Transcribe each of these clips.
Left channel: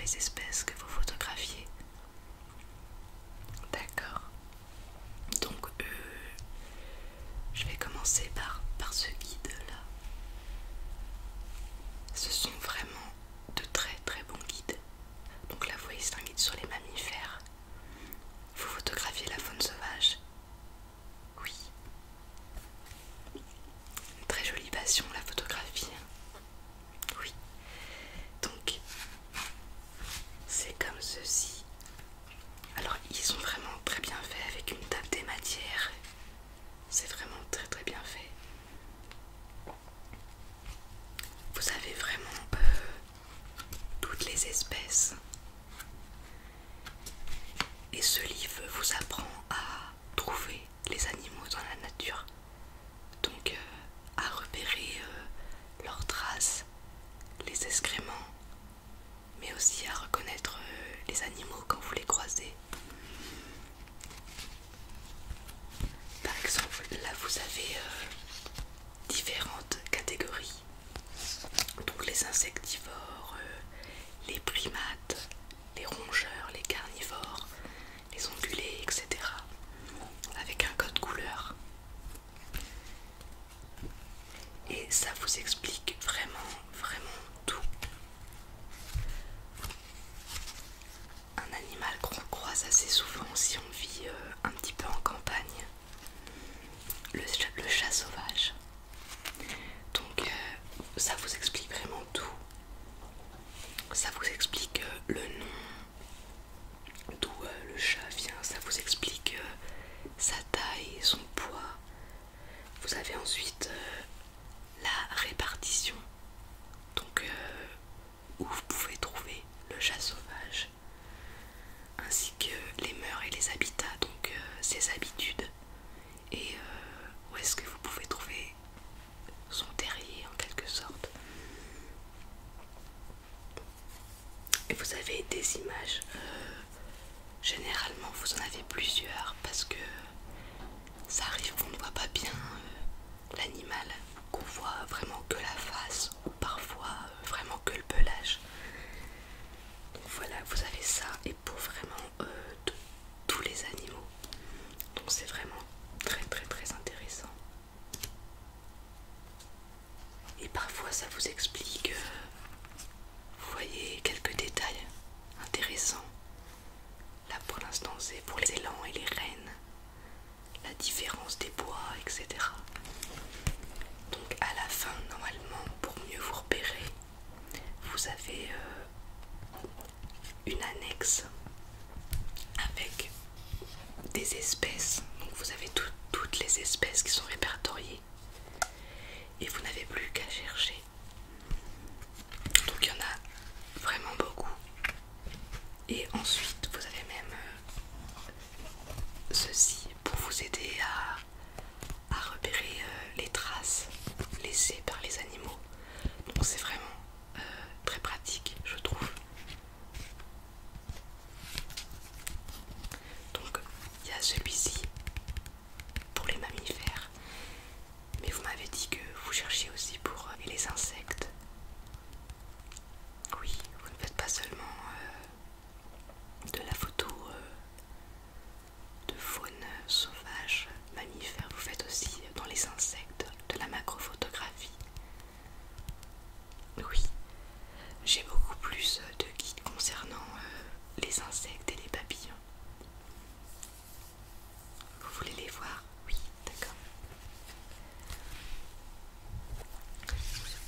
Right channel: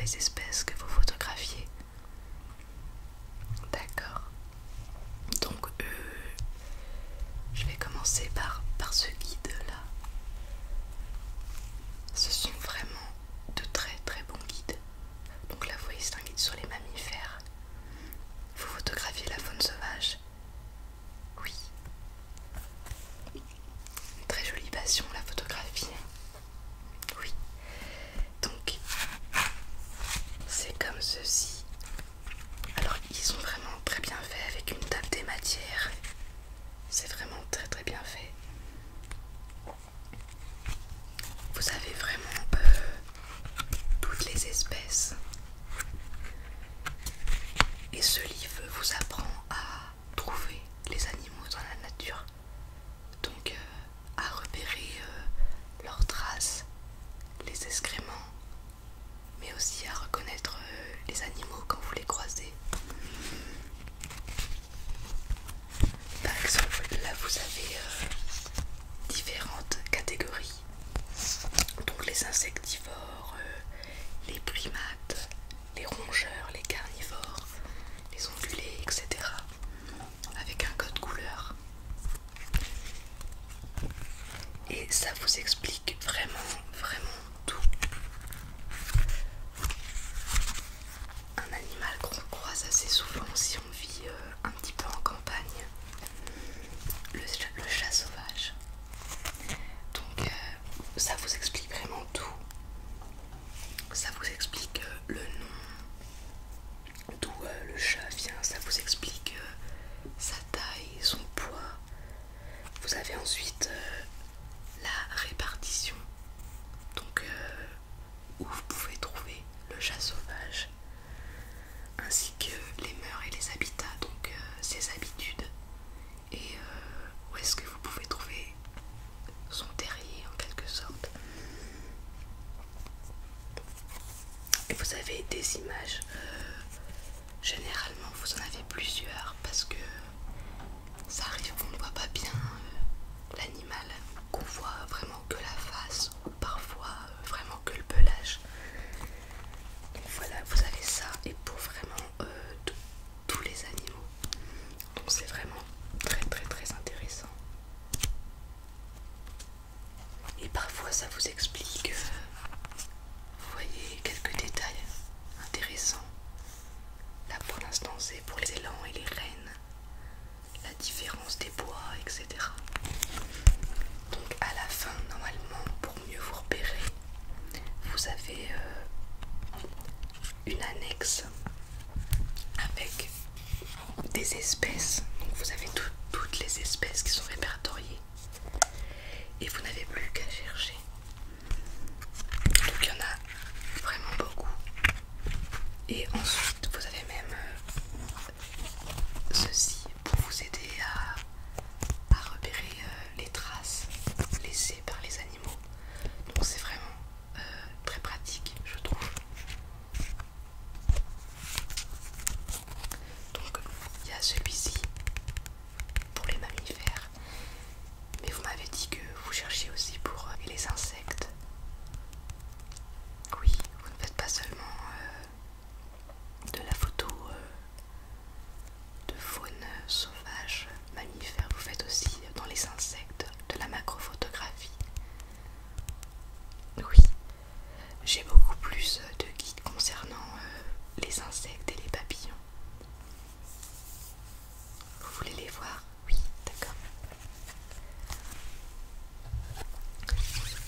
les espèces que vous photographiez. D'accord. Donc je vais commencer par ce guide là. Ce sont vraiment de très très bons guides. Donc là vous voyez, c'est un guide sur les mammifères. Vous photographiez la faune sauvage. Oui. Une très jolie passion, la photographie. Oui. Donc c'est comme ceci. Alors ils sont vraiment très bien faits avec une table des matières. C'est vraiment très très bien fait. Vous avez vraiment toutes les espèces. Et ce livre vous apprend à trouver les animaux dans la nature. Donc à repérer leurs traces, les excréments, mais aussi à reconnaître les animaux quand vous les croisez. Par exemple, là vous avez différentes catégories. Donc les insectivores, les primates, les rongeurs, les carnivores, les ongulés, etc. Avec un code couleur. Et ça vous explique vraiment tout. Un animal qu'on croise assez souvent si on vit un petit peu en campagne, le chat sauvage. Donc ça vous explique vraiment tout. Ça vous explique le nom, d'où le chat vient, ça vous explique sa taille, son poids. Vous avez ensuite la répartition, donc où vous pouvez trouver le chat sauvage, ainsi que les mœurs et les habitats, donc ses habitudes, et où est-ce que vous pouvez trouver son terrier en quelque sorte. Et vous avez des images, généralement vous en avez plusieurs parce que ça arrive qu'on ne voit pas bien l'animal, qu'on voit vraiment que la face ou parfois vraiment que le pelage. Donc voilà, vous avez ça, et pour vraiment tous les animaux. Donc c'est vraiment très très très intéressant. Et parfois ça vous explique, vous voyez, quelques détails intéressants. Là pour l'instant c'est pour les élans et les rennes, la différence des bois, etc. Donc à la fin, normalement, pour mieux vous repérer, vous avez une annexe avec des espèces. Donc vous avez toutes les espèces qui sont répertoriées et vous n'avez plus qu'à chercher. Donc il y en a vraiment beaucoup. Et ensuite vous avez même ceci pour vous aider à repérer les traces laissées par les animaux. Donc c'est vraiment très pratique, je trouve. Donc il y a celui-ci pour les mammifères, mais vous m'avez dit que vous cherchiez aussi pour les insectes. Oui, vous ne faites pas seulement de la photo de faune sauvage, mammifère, vous faites aussi dans les insectes de la macrophotographie. Oui, j'ai beaucoup plus de guides concernant les insectes et les papillons. Vous voulez les voir? Oui, d'accord.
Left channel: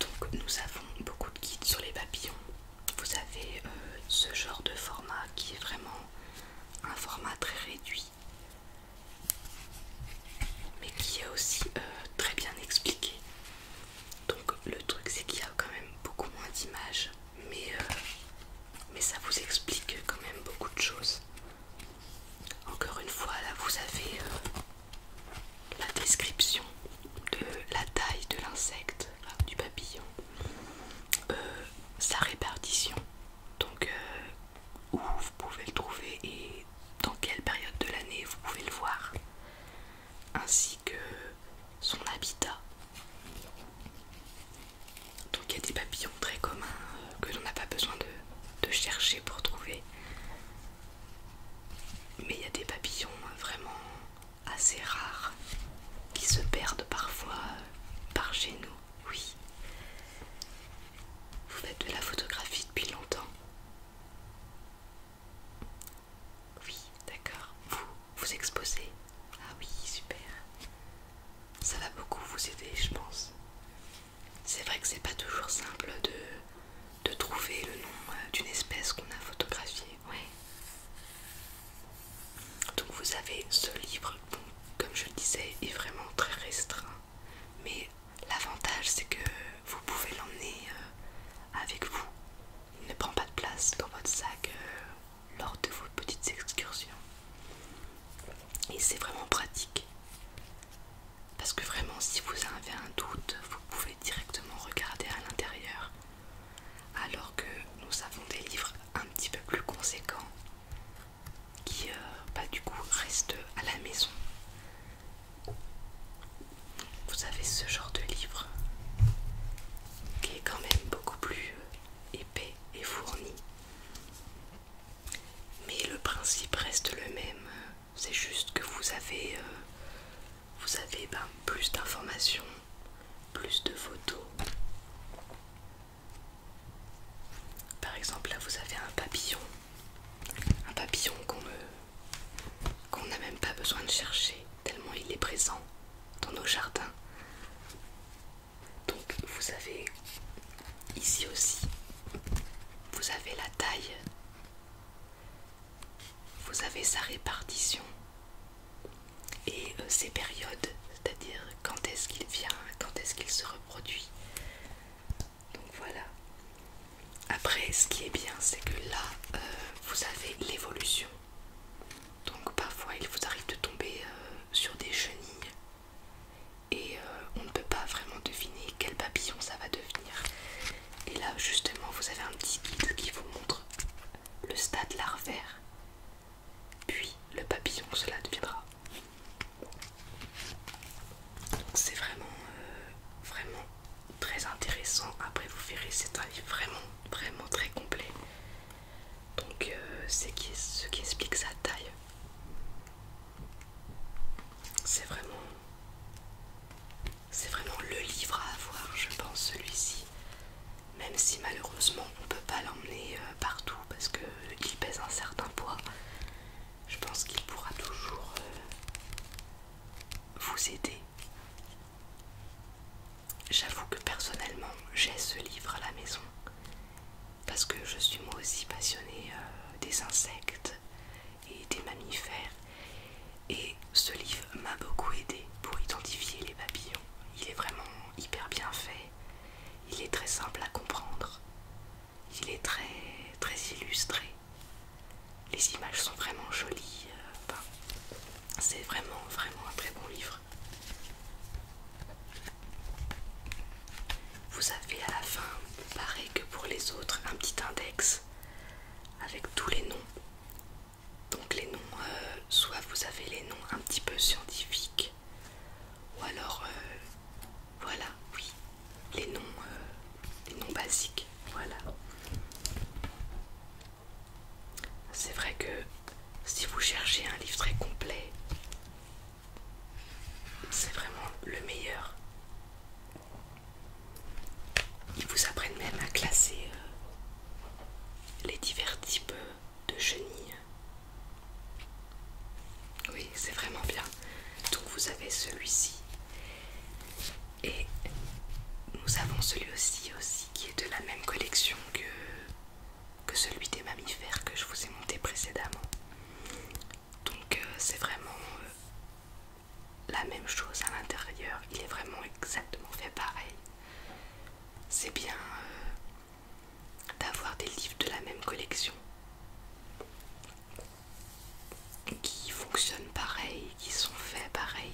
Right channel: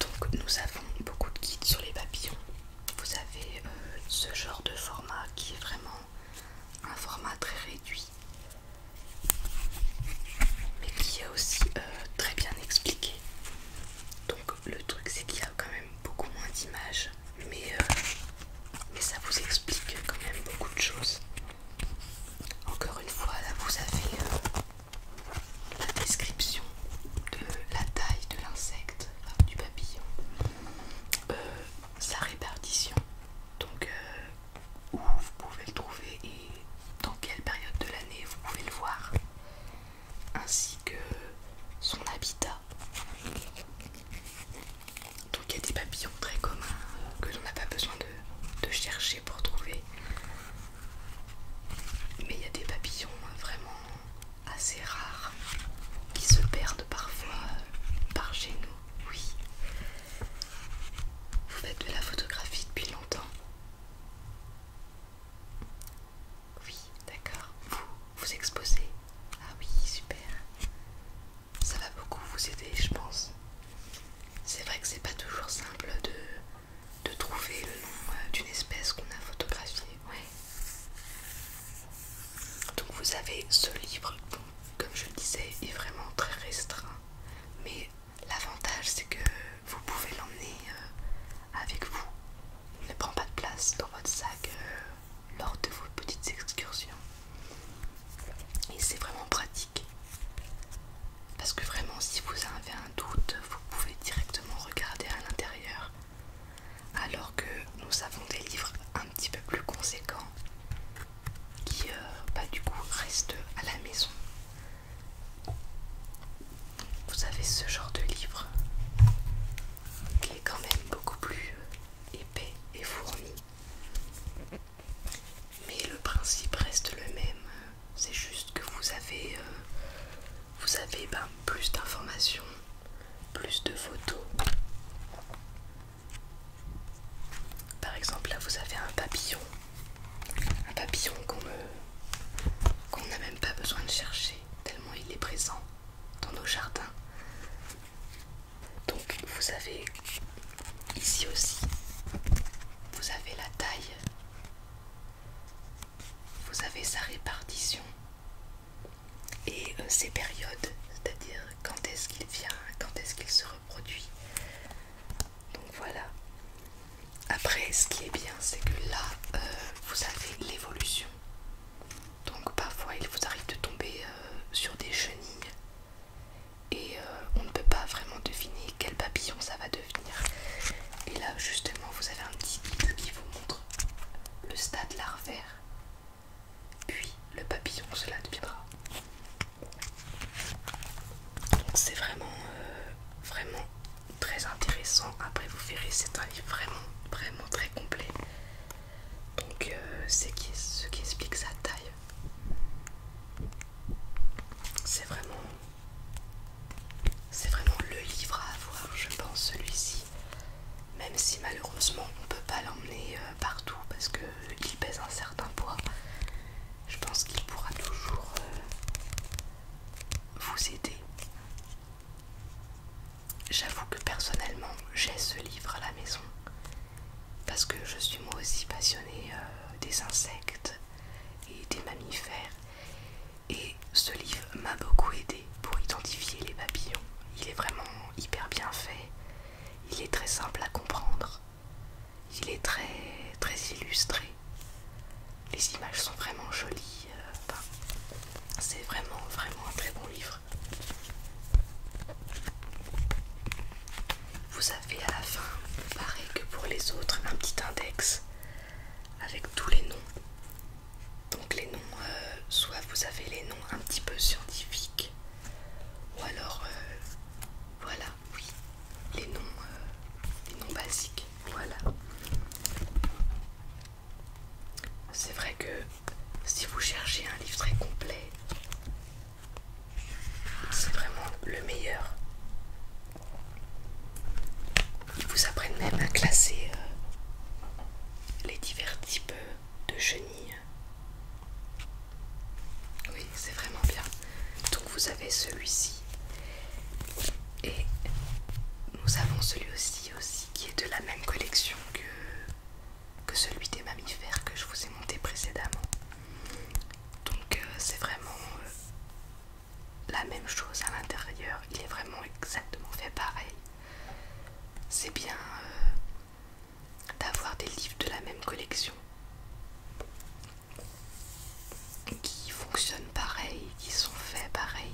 Donc nous avons beaucoup de guides sur les papillons. Vous avez ce genre de format qui est vraiment un format très réduit, mais qui est aussi très bien expliqué. Donc le truc c'est qu'il y a quand même beaucoup moins d'images, mais ça vous explique quand même beaucoup de choses. Encore une fois, là vous avez la description de la taille de l'insecte, enfin, du papillon, sa répartition place dans votre sac lors de vos petites excursions. Et c'est vraiment pratique. Parce que vraiment, si vous avez un doute, vous pouvez directement regarder à l'intérieur. Alors que nous avons des livres un petit peu plus conséquents qui, du coup, restent à la maison. Vous avez ce genre de livre qui est quand même beaucoup plus épais et fourni. Mais le principe reste le même. C'est juste que vous avez plus d'informations, plus de photos. Par exemple, là vous avez un papillon qu'on n'a même pas besoin de chercher, tellement il est présent dans nos jardins. Donc vous avez ici aussi, vous avez la taille, vous avez sa répartition et ses périodes, c'est-à-dire quand est-ce qu'il vient, quand est-ce qu'il se reproduit. Donc voilà. Après, ce qui est bien, c'est que là, vous avez l'évolution. Donc parfois, il vous arrive de tomber sur des chenilles et on ne peut pas vraiment deviner quel papillon ça va devenir. Et là, justement, vous avez un petit guide qui vous montre le stade larvaire, puis le papillon que cela deviendra. Donc c'est vraiment très intéressant. Après vous verrez, c'est un livre vraiment très complet. Donc c'est ce qui explique sa taille. C'est vraiment le livre à avoir, je pense, celui-ci. Même si malheureusement on ne peut pas l'emmener partout parce qu'il pèse un certain poids. Je pense qu'il pourra toujours vous aider. J'avoue que personnellement j'ai ce livre à la maison parce que je suis moi aussi passionnée des insectes et des mammifères, et ce livre m'a beaucoup aidé pour identifier les papillons. Il est vraiment hyper bien fait, il est très simple à comprendre, il est très illustré, les images sont vraiment jolies, c'est vraiment un très bon livre. Vous avez à la fin, pareil que pour les autres, un petit index avec tous les noms. Donc les noms, soit vous avez les noms un petit peu scientifiques, ou alors, voilà, oui, les noms basiques, voilà. C'est vrai que si vous cherchez un livre très complet, c'est vraiment le meilleur. Ils vous apprennent même à classer les divers types de chenilles. Oui, c'est vraiment bien. Donc vous avez celui-ci. Et nous avons celui-ci aussi qui est de la même collection que celui des mammifères que je vous ai monté précédemment. Donc c'est vraiment la même chose à l'intérieur. Il est vraiment exactement fait pareil. C'est bien d'avoir des livres de la même collection qui fonctionnent pareil, qui sont faits pareil,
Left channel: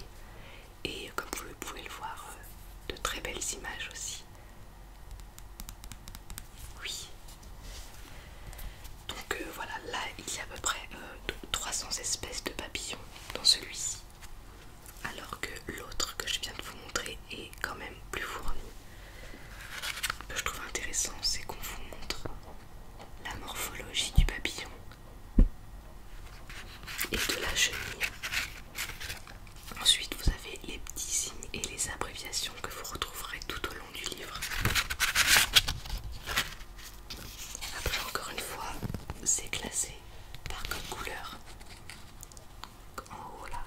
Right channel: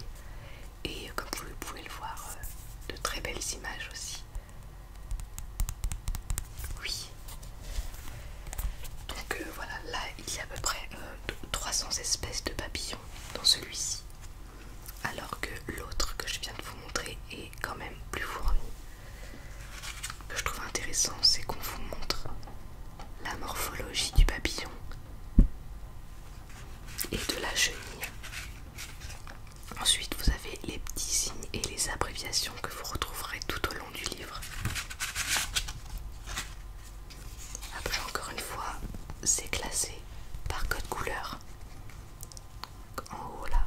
et comme vous pouvez le voir, de très belles images aussi. Oui. Donc voilà, là il y a à peu près 300 espèces de papillons dans celui-ci, alors que l'autre que je viens de vous montrer est quand même plus fourni. Ce que je trouve intéressant, c'est qu'on vous montre la morphologie du papillon et de la chenille. Ensuite, vous avez les petits signes et les abréviations que vous retrouverez tout au long du livre. Après, encore une fois, c'est classé par code couleur. En haut là,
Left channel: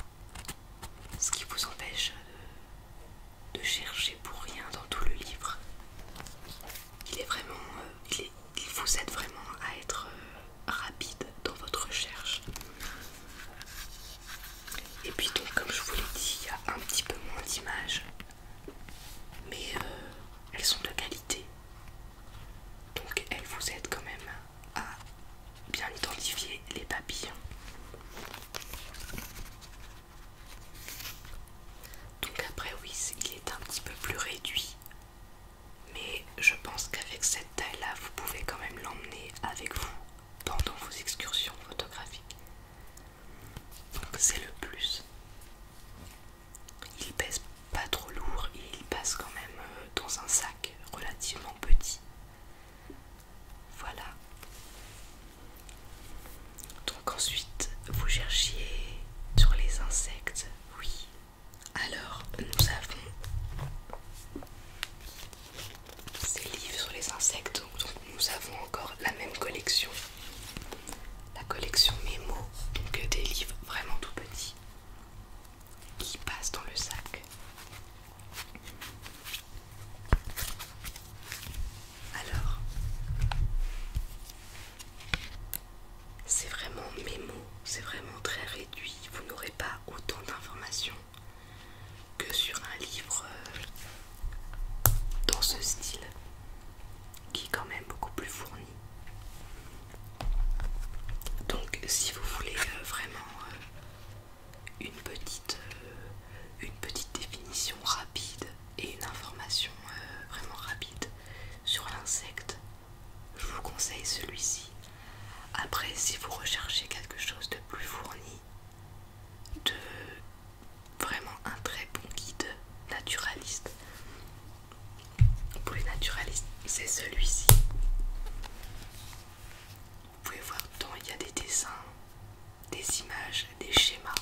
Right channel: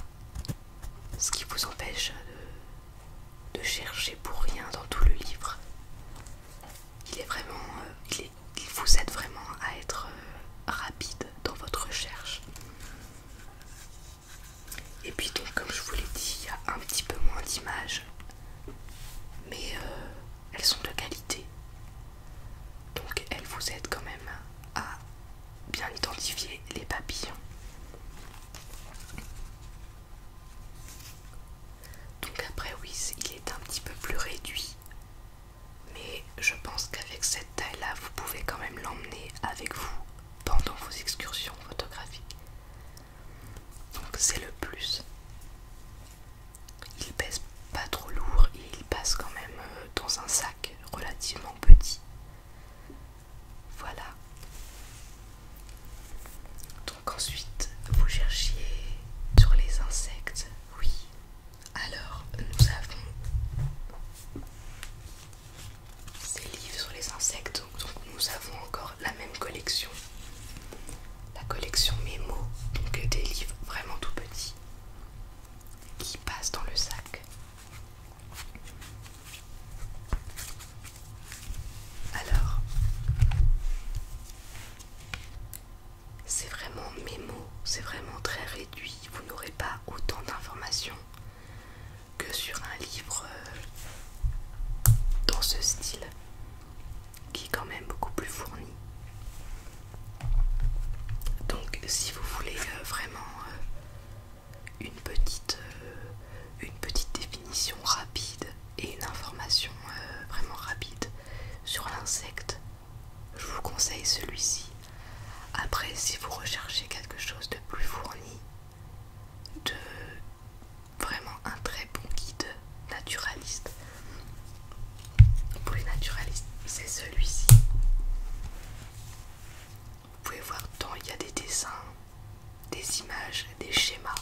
si vous voulez vraiment une petite définition rapide et une information vraiment rapide sur l'insecte, je vous conseille celui-ci. Après, si vous recherchez quelque chose de plus fourni, de vraiment un très bon guide naturaliste pour les naturalistes, c'est celui-ci. Vous pouvez voir dedans, il y a des dessins, des images, des schémas.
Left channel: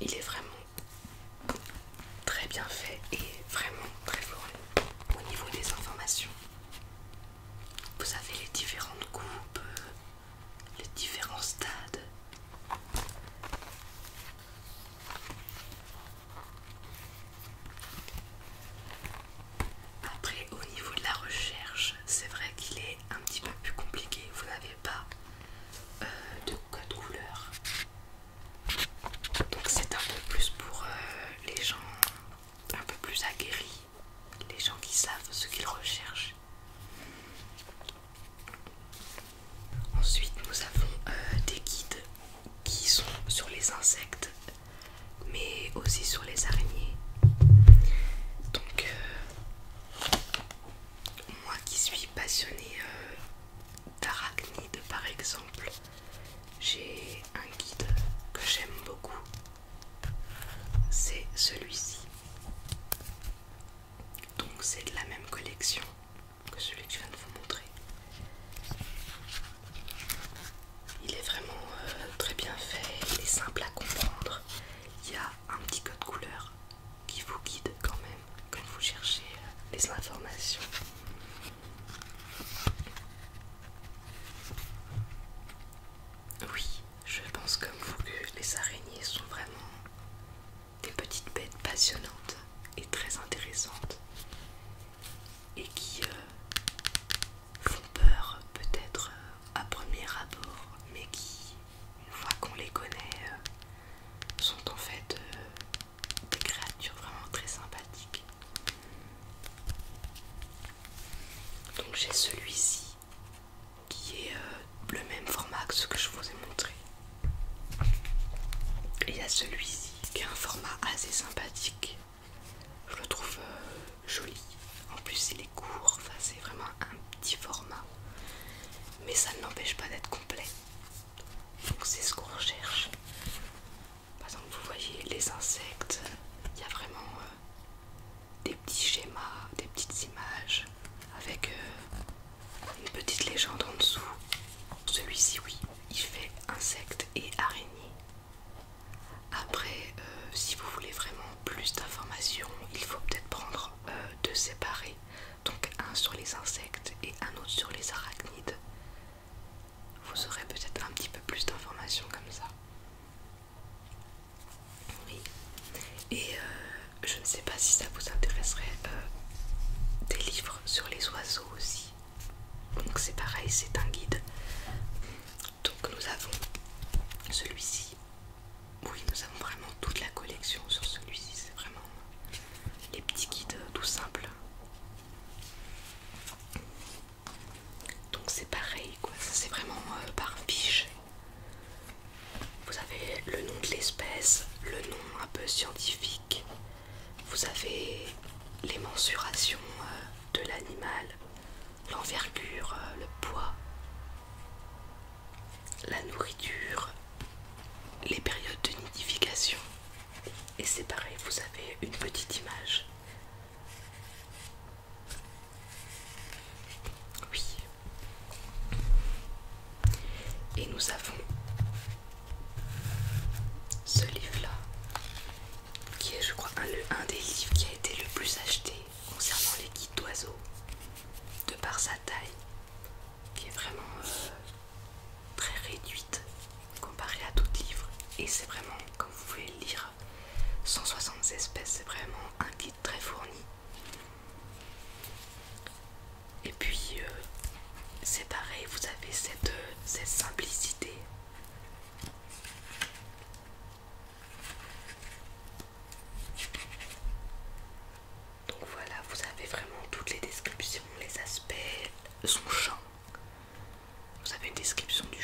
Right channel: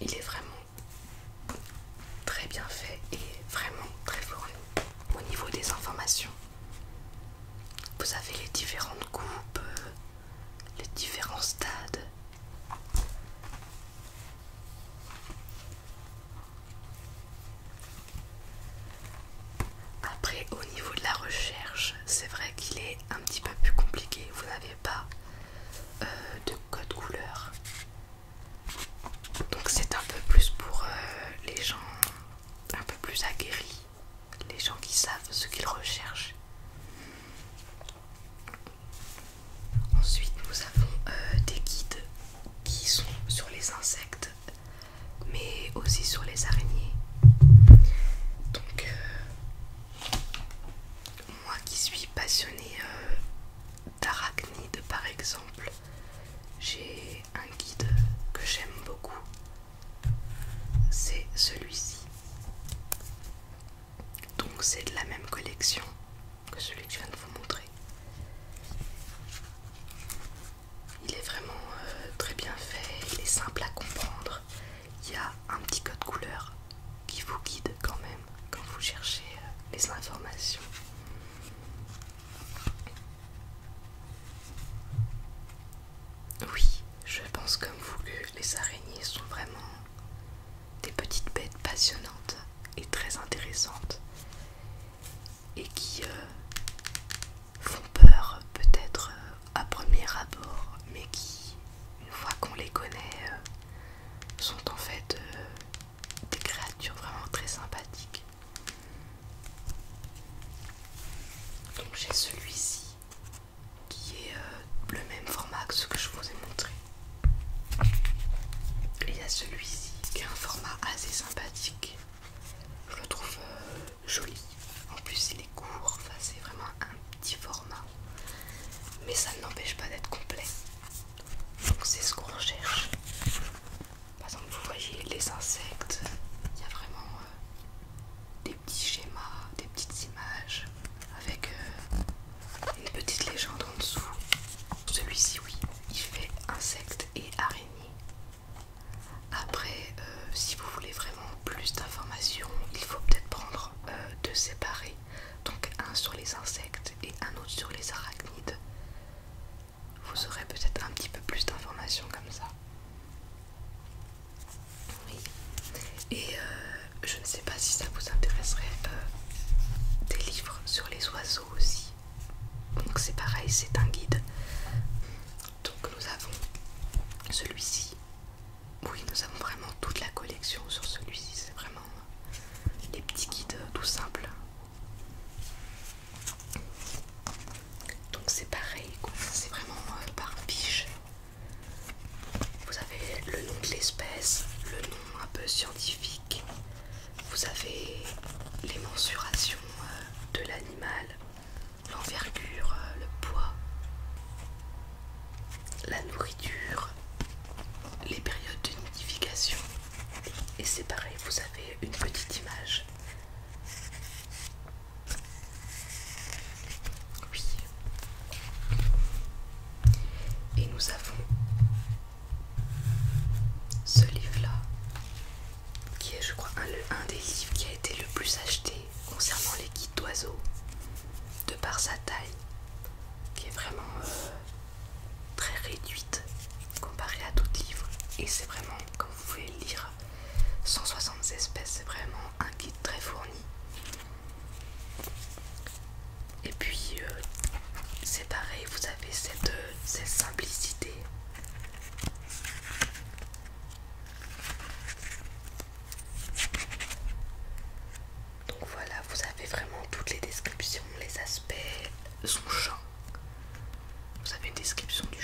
Il est vraiment très bien fait et vraiment très fourni au niveau des informations. Vous avez les différentes coupes, les différents stades. Après, au niveau de la recherche, c'est vrai qu'il est un petit peu plus compliqué. Vous n'avez pas de code couleur. Donc c'est un peu plus pour les gens un peu plus aguerris, les gens qui savent ce qu'ils recherchent. Ensuite, nous avons des guides qui sont sur les insectes, mais aussi sur les araignées. Donc, moi qui suis passionnée d'arachnides par exemple, j'ai un guide que j'aime beaucoup. C'est celui-ci. Donc, c'est de la même collection que celui que je viens de vous montrer. Il est vraiment très bien fait, il est simple à comprendre. Il y a un petit code couleur qui vous guide quand même quand vous cherchez les informations. Oui, je pense comme vous que les araignées sont vraiment des petites bêtes passionnantes et très intéressantes et qui font peur peut-être à premier abord, mais qui, une fois qu'on les connaît, sont en fait des créatures vraiment très sympathiques. Donc j'ai celui-ci qui est le même format que ce que je vous ai montré. Et il y a celui-ci qui est un format assez sympathique. Je le trouve joli. En plus il est court, enfin, c'est vraiment un petit format. Mais ça ne l'empêche pas d'être complet. Donc c'est ce qu'on recherche. Par exemple, vous voyez les insectes, il y a vraiment des petits schémas, des petites images avec une petite légende en dessous. Celui-ci, oui, il fait insectes et araignées. Après, si vous voulez vraiment plus d'informations, il faut peut-être prendre deux séparés. Donc un sur les insectes et un autre sur les arachnides. Vous aurez peut-être un petit peu plus d'informations comme ça. Oui. Et je ne sais pas si ça vous intéresserait des livres sur les oiseaux aussi. Donc c'est pareil, c'est un guide. Donc nous avons celui-ci. Oui, nous avons vraiment toute la collection sur celui-ci. C'est vraiment les petits guides tout simples. Donc c'est pareil, quoi. C'est vraiment par fiche. Vous avez le nom de l'espèce, le nom un peu scientifique. Vous avez les mensurations de l'animal, l'envergure, le poids, la nourriture, les périodes de nidification. Et c'est pareil, vous avez une petite image. Oui. Et nous avons ce livre-là, qui est, je crois, un des livres qui a été le plus acheté concernant les guides d'oiseaux, de par sa taille, qui est vraiment très réduite comparée à d'autres livres. Et c'est vraiment, comme vous pouvez le lire, 160 espèces, c'est vraiment un guide très fourni. Et puis, c'est pareil, vous avez cette simplicité. Donc voilà, vous avez vraiment toutes les descriptions, les aspects, son champ. Vous avez une description du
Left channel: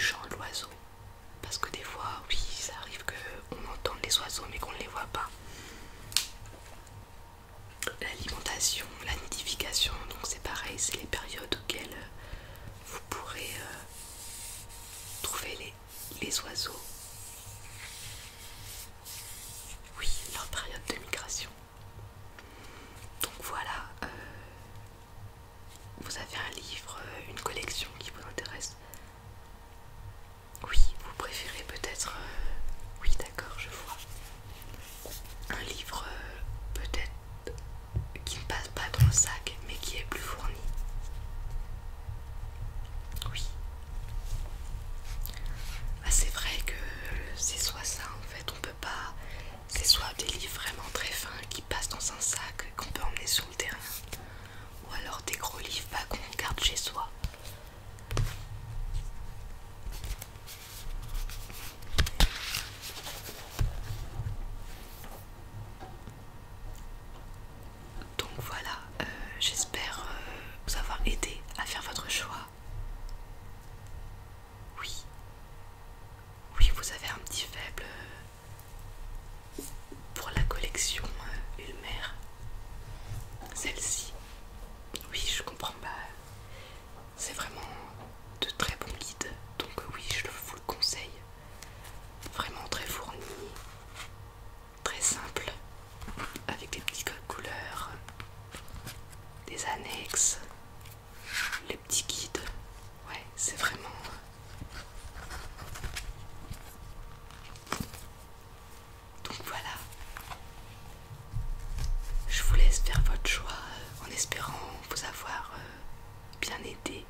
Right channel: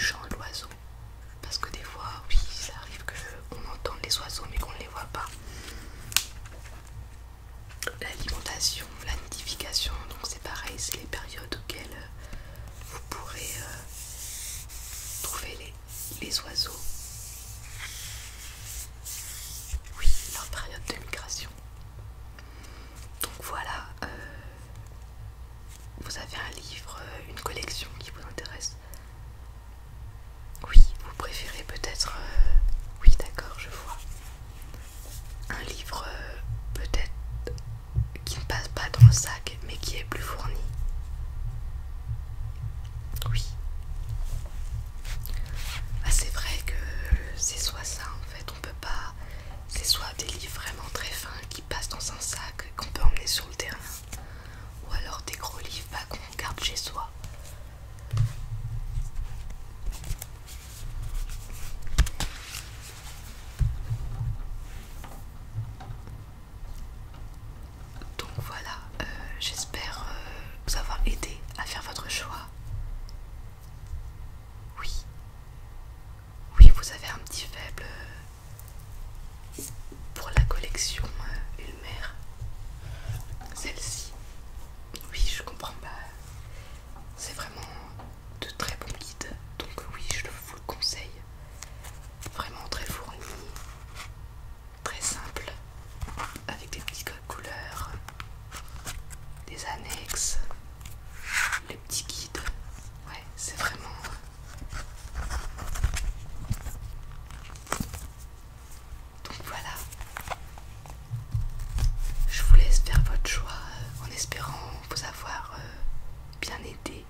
espérant vous avoir bien aidé